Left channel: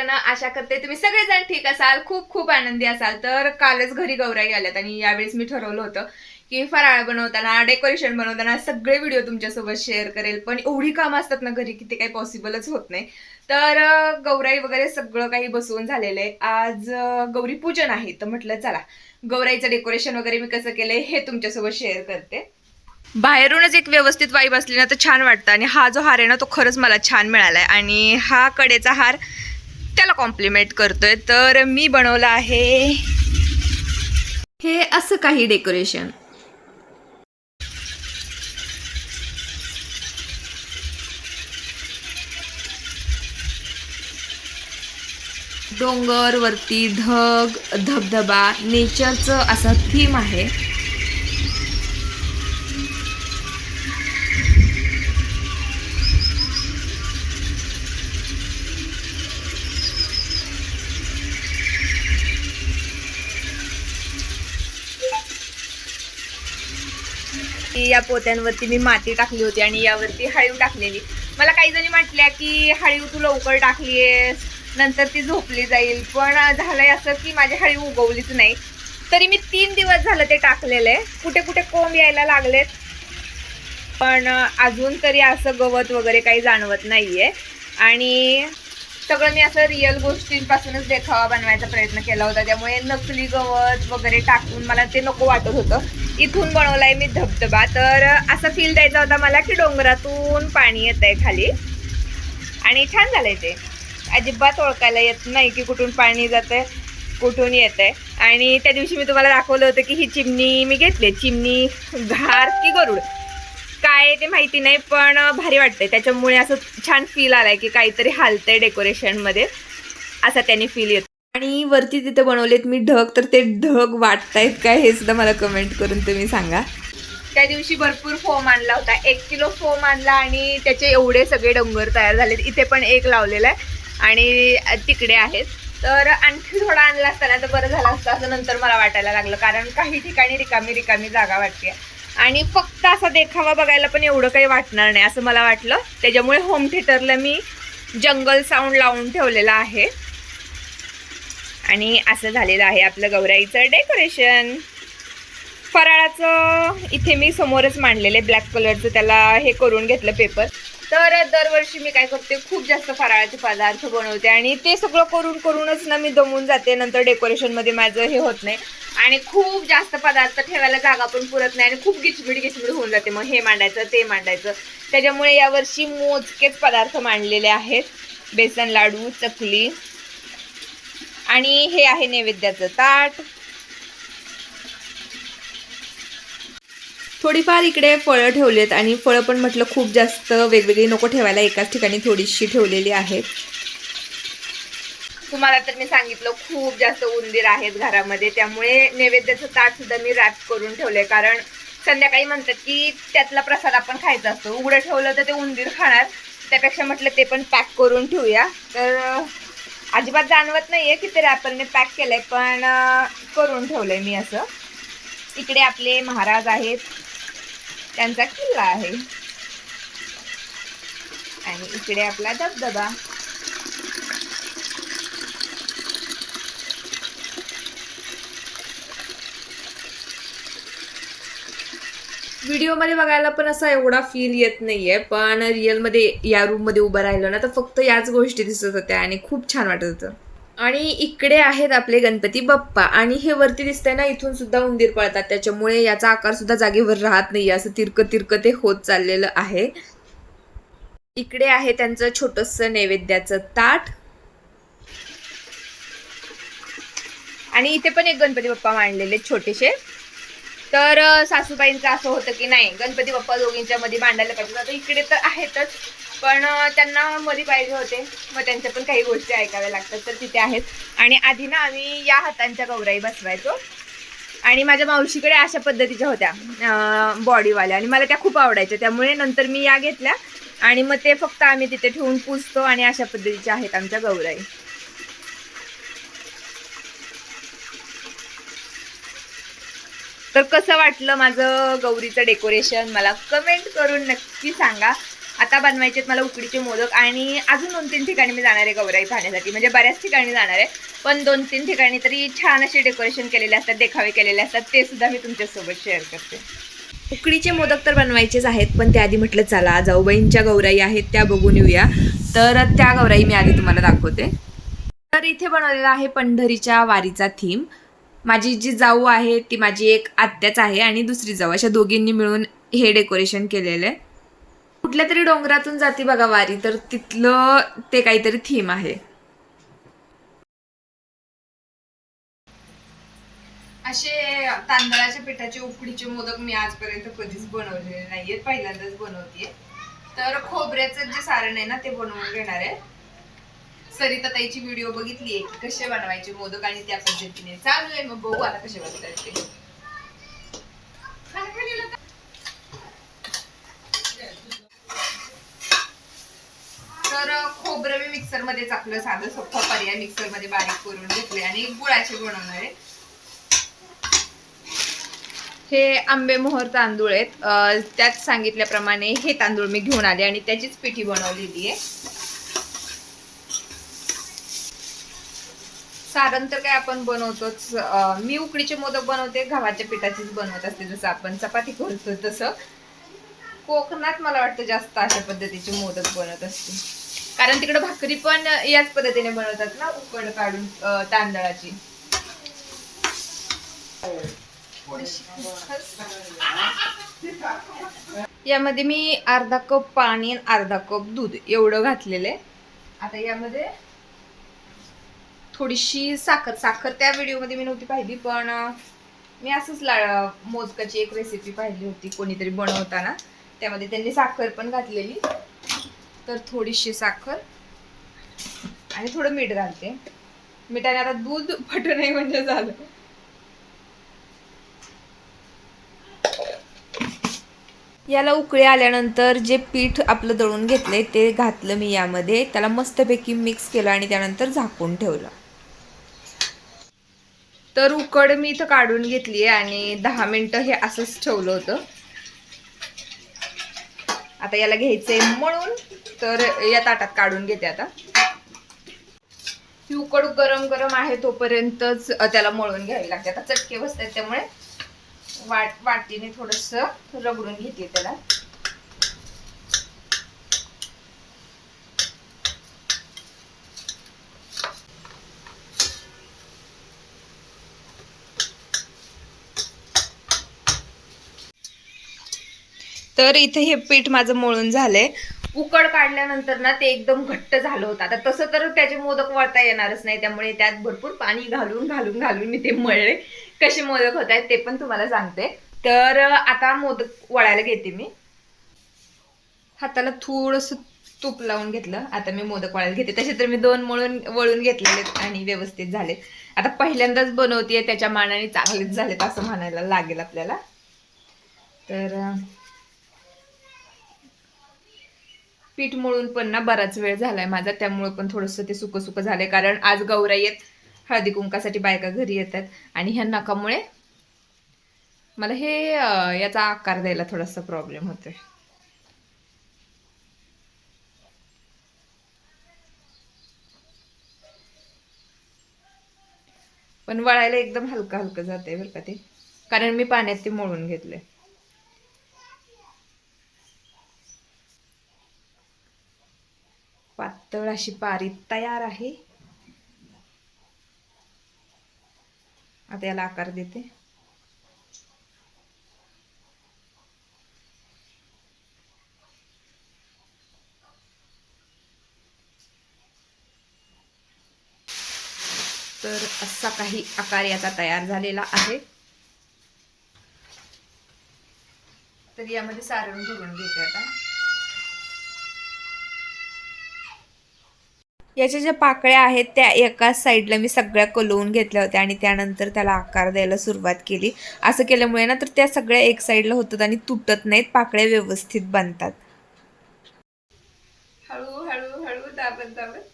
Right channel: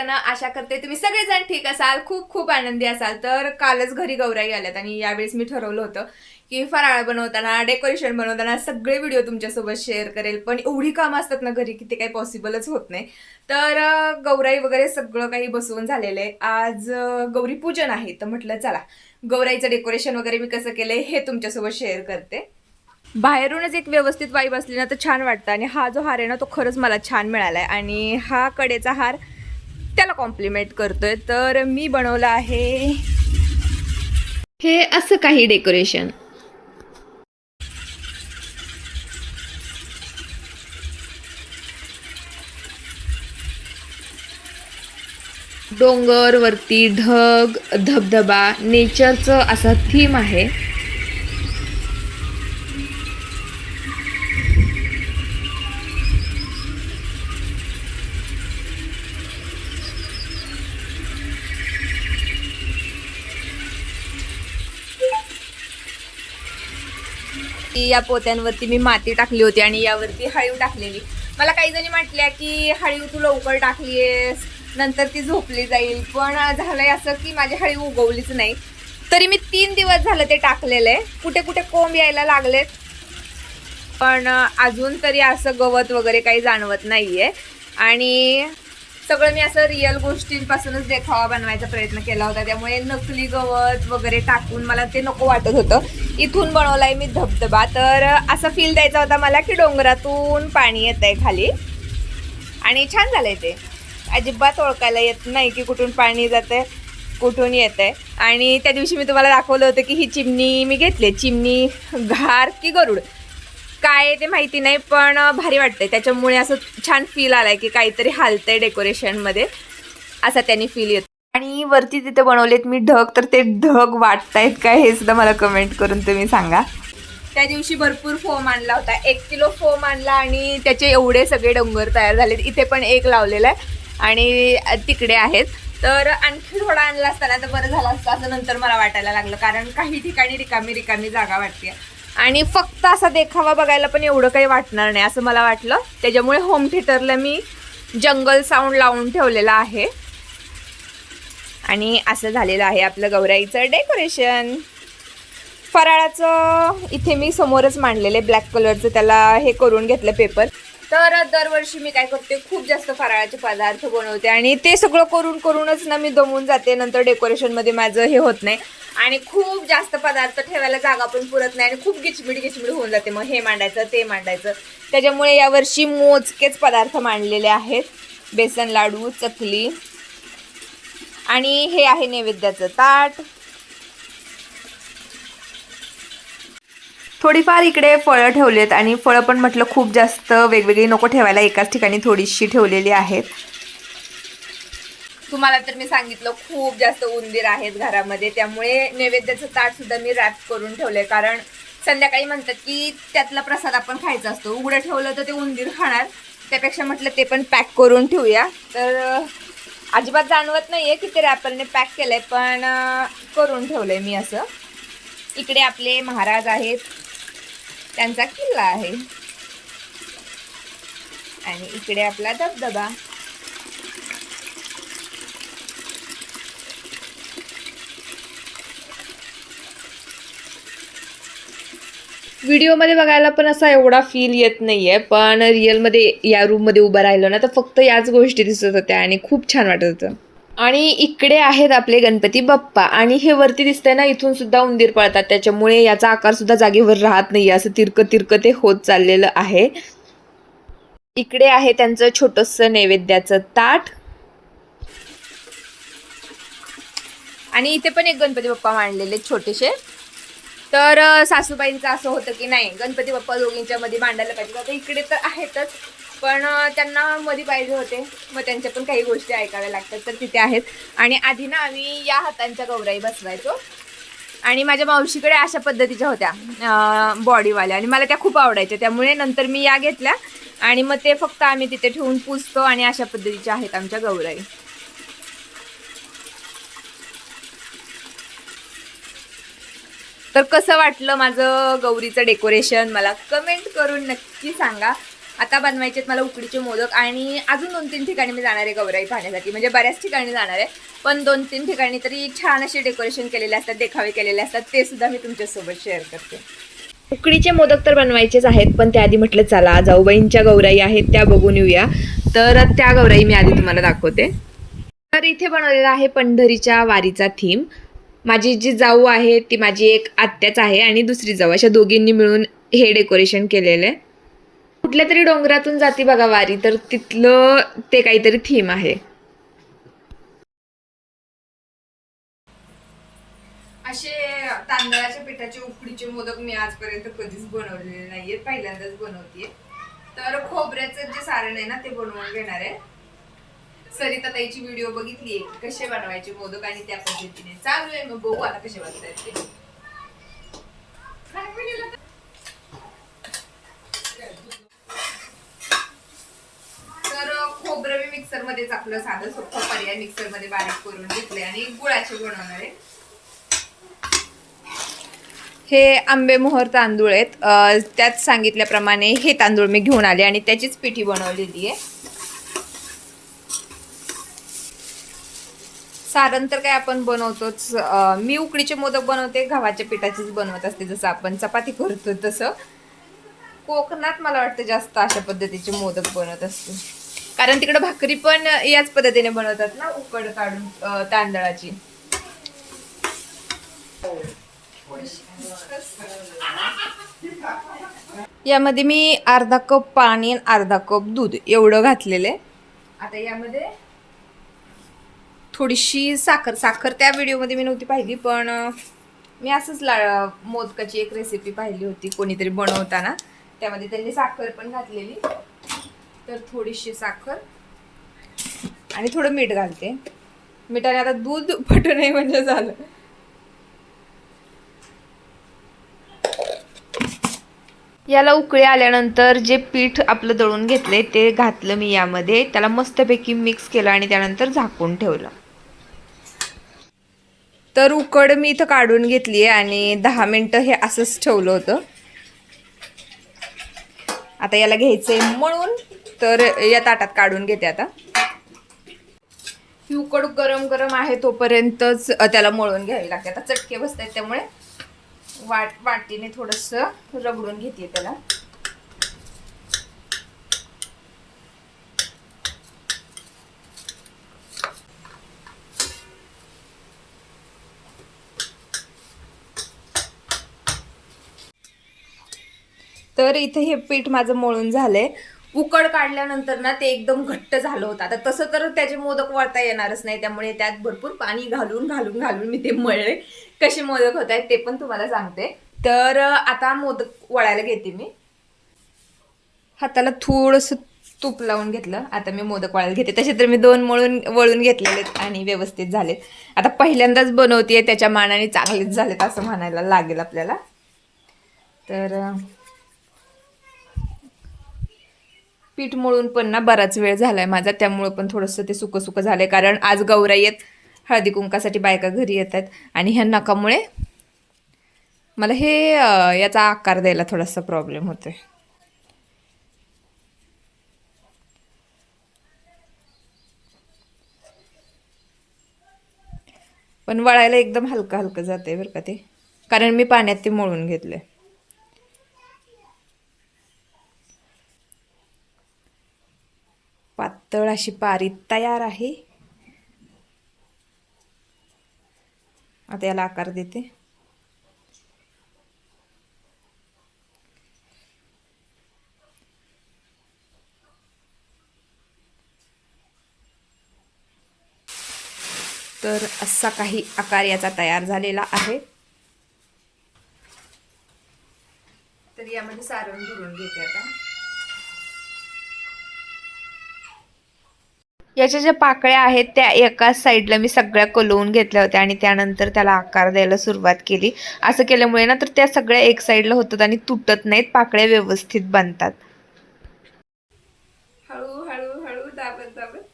सगळेजण आशा करते तुम्ही सगळेजण ठीक असाल खूप खूप आनंदी असाल. तर कालच घरी गौराई आल्यात आणि यावेळेस मी ठरवलं होतं की फराळ बनवताना डेकोरेशन बनवताना सगळे व्हिडिओ तुमच्यासोबत शेअर करेल. पण एवढी कामं असतात ना घरी की ते काही पॉसिबलच होत नाही. तर गौराई वगैरे सगळं काही बसवून झालेलं आहे. आज गौरी पूजन आहे. तर म्हटलं चला गौराईचं डेकोरेशन वगैरे मी कसं केलंय हे तुमच्यासोबत शेअर करते. बाहेरूनच एक व्यवस्थित वाईब असली ना तर छान वाटतं. आणि हा जो हार आहे ना तो खरंच मला छान मिळाला आहे आणि हा कडेचा हार त्याला कॉम्प्लिमेंट करतोय. तर मी बनवलं आहे. हे असं काही डेकोरेशन डोंगर वरती ढग धबधबा नेचरचं असा थीम आहे. की या पोत्यांवरती मी माती टाकली होती आणि यावरती हळीव टाकलेली. मला काही जणी म्हटल्या की हळीव तू लवकर टाकली आहेस नंतर ती झोपली जाईल. पण झालं आहे असं की माझी हळीव उगवलीच नाही. तरी मी तीन दिवस झालं ते टाकलेलं. आहे कुठे कुठे कोंब यायला लागलेत. पण अजून तरी असं गवत वगैरे काही जाणवत नाही आहे आणि सगळं मी असं रिअल गोष्टींपासूनच देखावा बनवायचा प्रयत्न केला होता. त्यामुळे नकली गवत वगैरे टाकून मला ते नको वाटत होतं. इथून बनवलाय मी धबधबा. तर असा फील द्यायचा होता मला की डोंगरातून पाणी येत आहे खाली. आणि छान झालंय ते. अजिबात ओळखायला येत नाही की कुठून पाणी जातंय कुठून येत आहे आणि त्या दिवशी मी तुम्हाला दाखवलं होतं की ही चिमणी मी घेतली. चिमणी घार की गरुड. काय आहे ते माहिती नाही पण भारी वाटतंय. त्याच्यामुळे असं छान फील आलाय की काहीतरी हालतंय डेकोरेशनमध्ये असा त्यांनी फील येतो. आणि वरती तिथे बनवलेत मी ढग तर ते ढग वाटतायत काय हे सुद्धा मला कमेंट करून तुम्ही सांगा. त्या दिवशी भरपूर फोम आणला होता. एक किलो फोम आणला आणि त्याचे एवढे सगळे डोंगर तयार झालेत. इथे पण एक लावलेला आहे आणि तिकडे आहेत. तर आणखी थोडा आणला असताना तर बरं झालं असतं. असं नंतर मला वाटायला लागलं. कारण काही ठिकाणी रिकामी रिकामी जागा वाटते आणि फक्त असा देखावा बघायला पण एवढं काही वाटणार नाही असं मला वाटलं. त्याच्यामुळे होम थिएटरला मी जंगल साऊंड लावून ठेवलेला आहे. आणि असं झालेलं आहे आपलं गौराईचं डेकोरेशन फराळाचं इथे मी समोरच मांडलेलं आहे ब्लॅक कलरचं त्याला हे करून घेतलं पेपर तर दरवर्षी मी काय करते खूप जास्त फराळाचे पदार्थ बनवते आणि ते सगळं करून करूनच ना मी दमून जाते नंतर डेकोरेशनमध्ये माझं हे होत नाही. आणि खूप जास्त पदार्थ ठेवायला जागा पण पुरत नाही आणि खूप गिचमिड गिचमिड होऊन जाते. मग हे मांडायचं ते मांडायचं. त्याच्यामुळे यावर्षी मोजकेच पदार्थ मांडलेले आहेत. बेसन लाडू चकली आणि हे आहे नैवेद्याचं ताट. थोडीफार इकडे फळं ठेवलेत आणि फळं पण म्हटलं खूप जास्त वेगवेगळी नको ठेवायला एकाच ठिकाणी थोडीशी ठेवलेली आहेत. तुम्हाला तर मी सांगितलं खूप जास्त उंदीर आहेत घरामध्ये. त्यामुळे नैवेद्याचं ताट सुद्धा मी रॅप करून ठेवलंय. कारण संध्याकाळी म्हणतात की त्यातला प्रसाद आपण खायचा असतो. उघडं ठेवलं तर ते उंदीर खाणार. त्यापेक्षा म्हटलं ते पण पॅक करून ठेवूया. तर अजिबात जाणवत नाहीये की ते रॅपरने पॅक केलंय पण करून करून ठेवलंय मी असं. इकडे आपले महाराज आहेत. त्यांचा किल्ला आहे. आणि इकडे आपला धबधबा. व्हिडिओमध्ये बघायला पण असा एवढा फील येत नाहीये पण रिअलमध्ये या रूममध्ये उभं राहिलं ना तर फक्त याच गोष्टी दिसत होत्या आणि खूप छान वाटत होतं. आणि इकडे आहेत आपले गणपती बाप्पा. आणि हे वरती दिसतंय ना इथून सुद्धा उंदीर पळतात. त्याच्यामुळे याचा आकार सुद्धा जागेवर राहत नाही. असं तिरकं तिरकं ते होत चाललेलं आहे. इकडे आहे त्यांचं छोटंसं नैवेद्याचं ताट. आणि इथे पण एक गणपती बाप्पा मांडलेले छोटेसे. तर सासूबाईंचं असं होतं की नाही गणपती बाप्पा दोघींच्या मध्ये मांडायला पाहिजे आता इकडे तर आहेतच पण त्यांना मध्ये पाहिजे होते. मग त्यांच्या पण काही गोष्टी ऐकाव्या लागतात तर तिथे आहेत. आणि आधी ना आम्ही या हातांच्या गौराई बसवायचो. आणि माझ्या मावशीकडे अशा पद्धतीच्या होत्या बॉडीवाल्या. आणि मला त्या खूप आवडायच्या. त्यामुळे नंतर मी या घेतल्या. आणि मग ते फक्त आम्ही तिथे ठेवून पुजतो आणि अशा पद्धतीच्या आहेत आमच्या गौराई. तर कसं वाटलं माझं गौरीचं डेकोरेशन मला कमेंट करून नक्की सांगा. आता बनवायचे मला उकडीचे मोदक आणि अजून दोन तीन ठिकाणी मी जाणार आहे गौराई पाहण्यासाठी. म्हणजे बऱ्याच ठिकाणी जाणार आहे. पण दोन तीन ठिकाणी तरी छान असे डेकोरेशन केलेले असतात देखावे केलेले असतात. ते सुद्धा मी तुमच्यासोबत शेअर करते. उकडीचे मोदक तर बनवायचेच आहेत पण त्याआधी म्हटलं चला जाऊबाईंच्या गौराई आहेत त्या बघून येऊया. तर त्या गौराई मी आधी तुम्हाला दाखवते. तर इथे बनवलेला आहे पंढरीच्या वारीचा थीम माझी जी जाऊ आहे ती माझी एक आत्याच आहे आणि दुसरी जाऊ. अशा दोघींनी मिळून हे डेकोरेशन केलेलं आहे. कुठल्या तरी डोंगरातून जाती बघा वारी तर तिथलं ते काहीतरी थीम आहे. असे तांदळाच्या पिठाचे उकडीचे मोदक मी आजपर्यंत कधीच बनवलेले नाहीयेत. पहिल्यांदाच बनवतीये. तर खोबऱ्याचं जे सारण आहे ना ते बनवून घेणार आहे. सरिता ताईची व्हिडिओ बघितली आहे कसे बनवायचे मोदक आणि त्या पद्धतीने. चालू आहे मग बघू आता कसे बनतात ते. तर खोबरं मी मिक्सरमध्ये आपलं साधं सोपं पर्याय मिक्सरमध्ये बारीक करून घेतले आणि गुळाचे बनवणार आहे. हे आंबे मोहर तांदूळ आहेत. त्यात सांगितल्याप्रमाणे हे तांदूळ मी घेऊन आले आणि त्याचीच पिठी बनवलेली आहे. सारण तर काय आपण बनवतोच. मी उकडीचे मोदक बनवते गव्हाच्या पिठाचीच बनवत असते जसं आपण. चपाती करतो तसं. कोकणात मला वाटतं जास्त अशा पद्धतीचे मोदक बनवत असते. कारण तिकडे भाकरी पण याच पद्धतीने बनवतात ना उकड काढून तांदळाची. यामध्ये मी अर्धा कप पाणी आणि अर्धा कप दूध एवढं घातलेलं आहे. आता यामध्ये थोडीशी साखर साखर त्या व्हिडिओमध्ये मी नव्हती पाहिली पण मी असंच ला मोदकाची एक रेसिपी पाहिली होती कोणीतरी बनवताना. त्यामध्ये त्यांनी साखर पण घातलेली. तर थोडीशी साखर आणि थोडं मीठ घालते. मिठाने आता दूध फटू नाही म्हणजे झालं. याला उकळी आल्यानंतर जे पीठ आपलं दळून घेतले ते घातलं मी यामध्ये. त्याला मस्तपैकी मिक्स केलं आणि त्यानंतर झाकून ठेवलं. तर उकड मी इथं काढून घेतली आहे आणि दहा मिनटं हे असंच ठेवलं होतं. आता याला घ्यायचं आहे म्हणून तर या ताटात काढून घेते आता. ही उकड गरम गरम आहे तोपर्यंतच त्याला मळून घ्यायला लागते. आता चटके बसतात त्यामुळे वाट वाटीने थोडस रगडून घेते त्याला. तर इथे हे पीठ माझं मळून झालंय. उकड काढल्यानंतर ना ते एकदम घट्ट झालं होतं. आता तसं तर त्याचे मोदक वळता येणारच नाही त्यामुळे त्यात भरपूर पाणी घालून घालून घालून मी ते मळले. कसे मोदक होत आहेत ते पण तुम्हाला सांगते. तर आता मोदक वळायला घेते मी. हाताला थोडंसं तूप लावून घेतलं. आता मी मोदक वळायला घेते. तसे तर मी दोन मळून वळून घेतलेले आणि व्यवस्थित झालेत. आता पहिल्यांदाच बनवते त्याच्या मानाने चांगलेच झालेत असं म्हणायला लागेल आपल्याला. तर पीठ मळून पण ना बराच वेळ झालाय माझा. त्यामुळं पण थोडंसं ते सुकं सुकं झालंय. कारण आज गौराई येत हळदी कुंकासाठी बायका घरी येतात. आणि ह्या नकामुळे मला हे याचा आकार द्यायला थोडासा प्रॉब्लेम होतोय. पण वळायला एकदम हलकं हलकं जाते बरं का ते. कारण मी पाण्यात ते मळून घेतलंय. पातळ अशी पारी तयार आहे. आता याला आकार देते. तर असा काही आकार याचा तयार झालेला आहे. तर यामध्ये सारण भरून घेते आता. याच्या ज्या पाकळ्या आहेत त्या एकाच साईडला मी सगळ्या कलवून घेतल्या होत्या आणि त्यानंतर त्याला आकार द्यायला सुरुवात केली. असं केल्यामुळे ना तर त्या सगळ्या एक साईडला होतात आणि तुटत नाहीत पाकळ्या व्यवस्थित बनतात. हळू हळू हळू दाबत दाबत.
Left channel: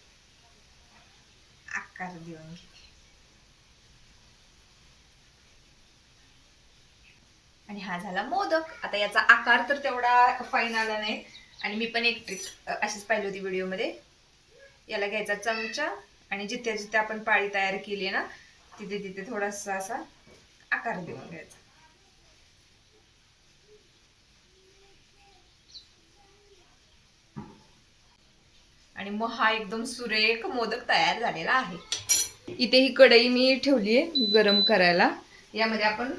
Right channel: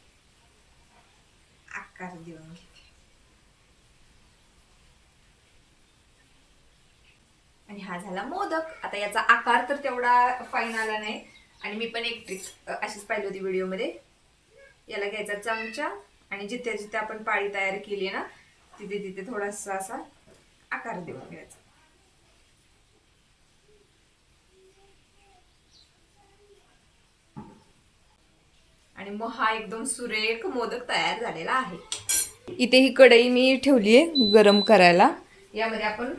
आकार देऊन घेते आणि हा झाला मोदक. आता याचा आकार तर तेवढा फाईन आला नाही. आणि मी पण एक ट्रिक अशीच पाहिली होती व्हिडिओमध्ये याला घ्यायचा चमचा. आणि जिथे जिथे आपण पाळी तयार केली ना तिथे तिथे थोडासा असा आकार देऊन घ्यायचा. आणि मग हा एकदम सुरेख मोदक तयार झालेला आहे. इथे ही कढई मी ठेवली आहे गरम करायला. यामध्ये आपण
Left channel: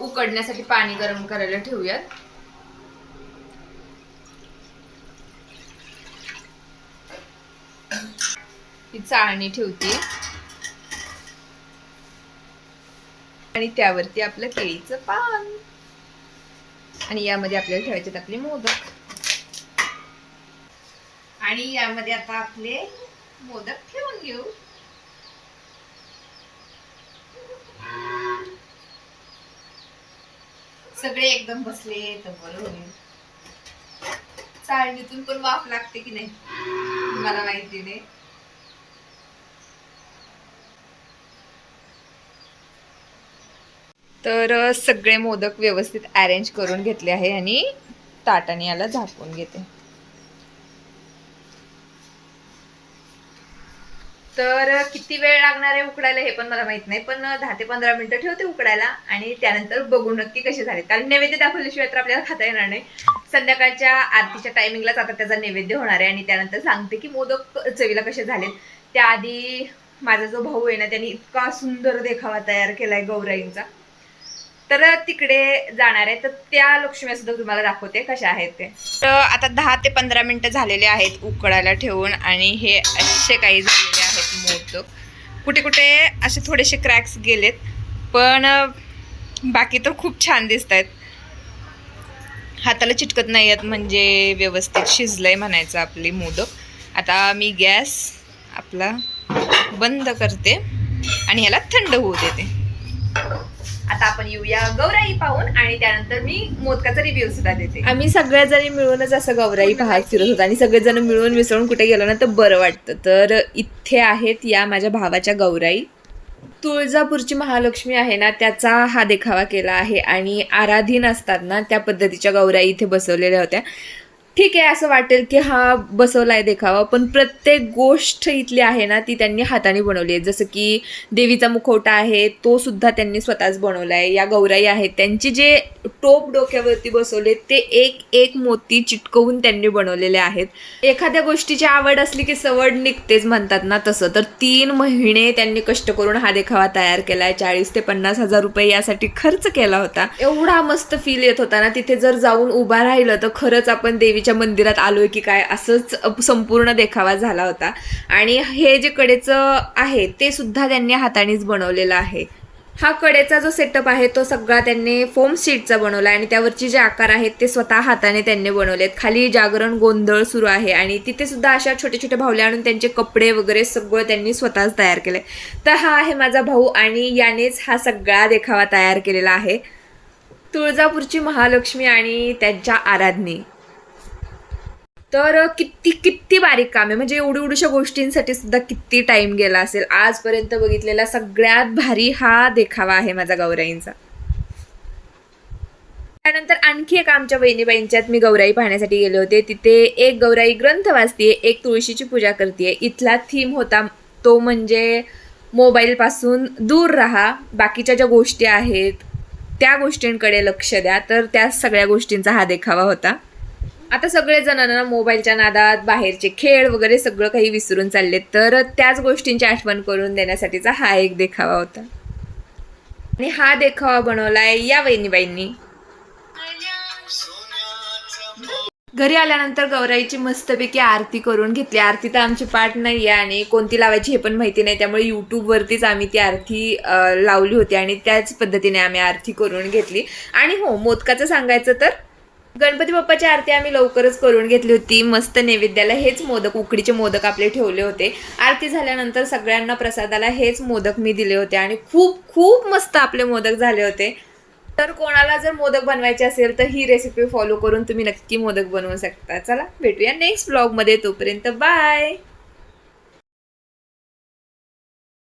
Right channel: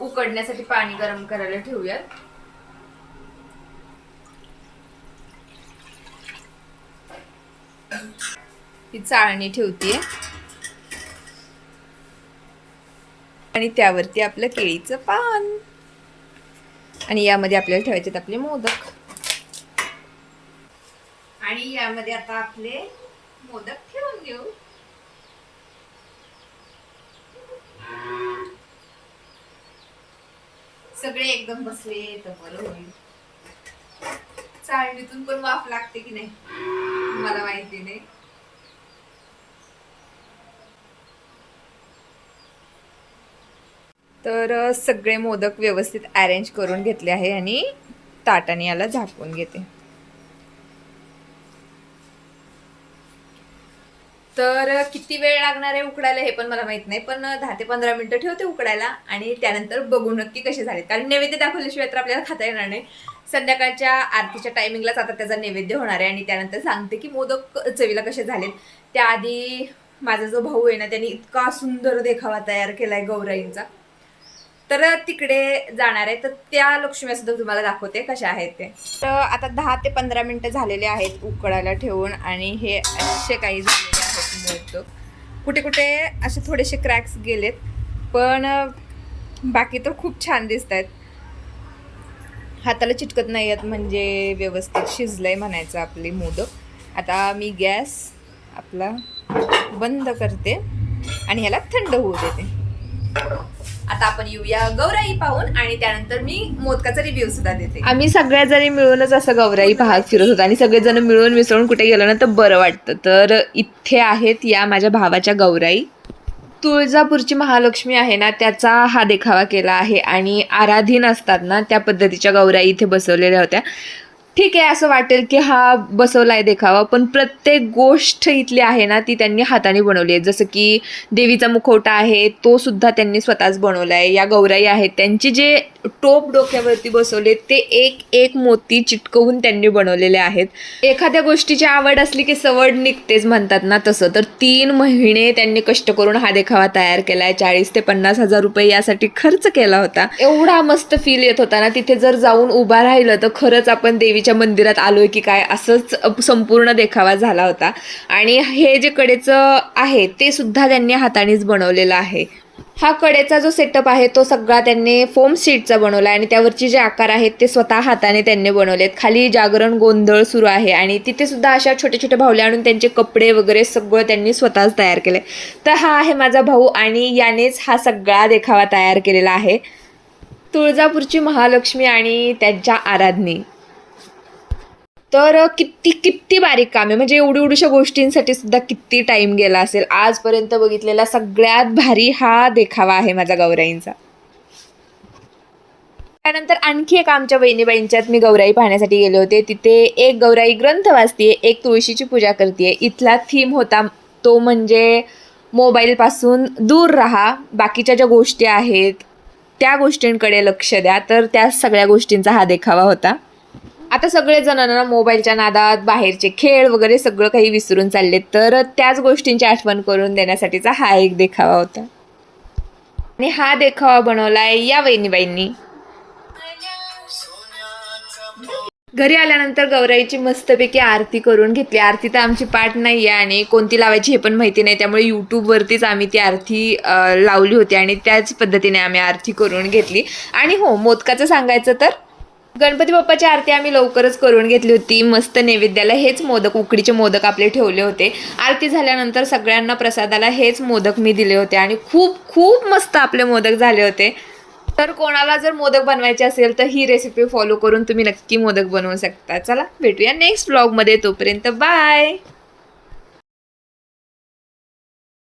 उकडण्यासाठी पाणी गरम करायला ठेवूयात. ही चाळणी ठेवते. आणि त्यावरती आपलं केळीचं पान. आणि यामध्ये आपल्याला ठेवायचे आपले मोदक. आणि यामध्ये आता आपले मोदक ठेवून घेऊ. सगळे एकदम बसले तर बरं होईल. चाळणीतून पण वाफ लागते की नाही? मला माहिती नाही तर सगळे मोदक व्यवस्थित अरेंज करून घेतले आहे आणि ताटाने याला झाकून घेते. तर किती वेळ लागणार आहे उकडायला हे पण मला माहीत नाही पण दहा ते पंधरा मिनिटं ठेवते उकडायला आणि त्यानंतर बघू नक्की कसे झाले. कारण नैवेद्य दाखवल्याशिवाय तर आपल्याला खाता येणार नाही. संध्याकाळच्या आरतीच्या टायमिंगलाच आता त्याचा नैवेद्य होणार आहे आणि त्यानंतर सांगते की मोदक चवीला कसे झालेत. त्याआधी माझा जो भाऊ आहे ना त्यांनी इतका सुंदर देखावा तयार केला आहे गौराईंचा. तर तिकडे जाणार आहे. तर त्या लक्ष्म्या सुद्धा तुम्हाला दाखवते कशा आहेत ते. तर आता दहा ते पंधरा मिनिटं झालेले आहेत उकडायला ठेवून आणि हे असे काही झालेले आहेत मोदक. कुठे कुठे असे थोडेसे क्रॅक्स गेलेत पण बाकी तर खूप छान दिसत आहेत हाताला चिटकत नाही आहेत म्हणजे व्यवस्थित शिजलंय म्हणायचं आपले मोदक. आता मी गॅस आपला बंद करते आणि ह्याला थंड होऊ देते. आता आपण येऊया गौराई पाहून आणि त्यानंतर मी मोदकाचा रिव्ह्यू सुद्धा देते. आम्ही सगळ्या जणी मिळूनच असं गौराई पाहत फिरत होतो आणि सगळेजण मिळून मिसळून कुठे गेलो ना तर बरं वाटतं. तर इथे आहेत या माझ्या भावाच्या गौराई. तुळजापूरची महालक्ष्मी आहे ना त्याचा हा देखावा केला आहे आणि आराधीन असतात ना त्या पद्धतीच्या गौराई इथे बसवलेल्या होत्या. ठीक आहे असं वाटेल की हा बसवला आहे देखावा पण प्रत्येक गोष्ट इथली आहे ना ती त्यांनी हाताने बनवली आहे. जसं की देवीचा मुखवटा आहे तो सुद्धा त्यांनी स्वतःच बनवला आहे या गौराई आहेत त्यांची जे टोप डोक्यावरती बसवले ते एक एक मोती चिटकवून त्यांनी बनवलेले आहेत. एखाद्या गोष्टीची आवड असली की सवड निघतेच म्हणतात ना तसं तर तीन महिने त्यांनी कष्ट करून हा देखावा तयार केला आहे चाळीस ते पन्नास हजार रुपये यासाठी खर्च केला होता. एवढा मस्त फील येत होता ना तिथे जर जाऊन उभा राहिलं तर खरंच आपण देवी देवीच्या मंदिरात आलोय की काय असंच संपूर्ण देखावा झाला होता. आणि हे जे कडेचं आहे ते सुद्धा त्यांनी हातानेच बनवलेलं आहे. हा कडेचा जो सेटअप आहे तो सगळा त्यांनी फोम सीटचा बनवला आणि त्यावरचे जे आकार आहेत ते स्वतः हाताने त्यांनी बनवलेत. खाली जागरण गोंधळ सुरू आहे आणि तिथे सुद्धा अशा छोटे छोटे भावले आणून त्यांचे कपडे वगैरे सगळं त्यांनी स्वतःच तयार केले तर हा आहे माझा भाऊ आणि यानेच हा सगळा देखावा तयार केलेला आहे. तुळजापूरची महालक्ष्मी आणि त्यांच्या आराधनी. तर किती किती बारीक काम आहे. म्हणजे एवढी एवढीशा गोष्टींसाठी सुद्धा किती टाईम गेला असेल. आजपर्यंत बघितलेला सगळ्यात भारी हा देखावा आहे माझा गौराईंचा. त्यानंतर आणखी एक आमच्या बहिणीबाईंच्यात मी गौराई पाहण्यासाठी गेले होते. तिथे एक गौराई ग्रंथ वाचते एक तुळशीची पूजा करते इथला थीम होता तो म्हणजे मोबाईलपासून दूर राहा. बाकीच्या ज्या गोष्टी आहेत त्या गोष्टींकडे लक्ष द्या. तर त्या सगळ्या गोष्टींचा हा देखावा होता. आता सगळे जणांना मोबाईलच्या नादात बाहेरचे खेळ वगैरे सगळं काही विसरून चालले तर त्याच गोष्टींची आठवण करून देण्यासाठीचा हा एक देखावा होता. आणि हा देखावा बनवलाय या वहिनीबाईंनी. घरी आल्यानंतर गौराईची मस्तपैकी आरती करून घेतली. आरती तर आमची पाठ नाही आहे आणि कोणती लावायची हे पण माहिती नाही. त्यामुळे यूट्यूबवरतीच आम्ही ती आरती लावली होती आणि त्याच पद्धतीने आम्ही आरती करून घेतली. आणि हो मोदकाचं सांगायचं तर गणपती बाप्पाची आरती आम्ही लवकरच करून घेतली होती मस्त नैवेद्याला हेच मोदक उकडीचे मोदक आपले ठेवले होते. आरती झाल्यानंतर सगळ्यांना प्रसादाला हेच मोदक मी दिले होते आणि खूप खूप मस्त आपले मोदक झाले होते. तर कोणाला जर मोदक बनवायचे असेल तर ही रेसिपी फॉलो करून तुम्ही नक्की मोदक बनवू शकता. चला भेटूया नेक्स्ट ब्लॉगमध्ये तोपर्यंत बाय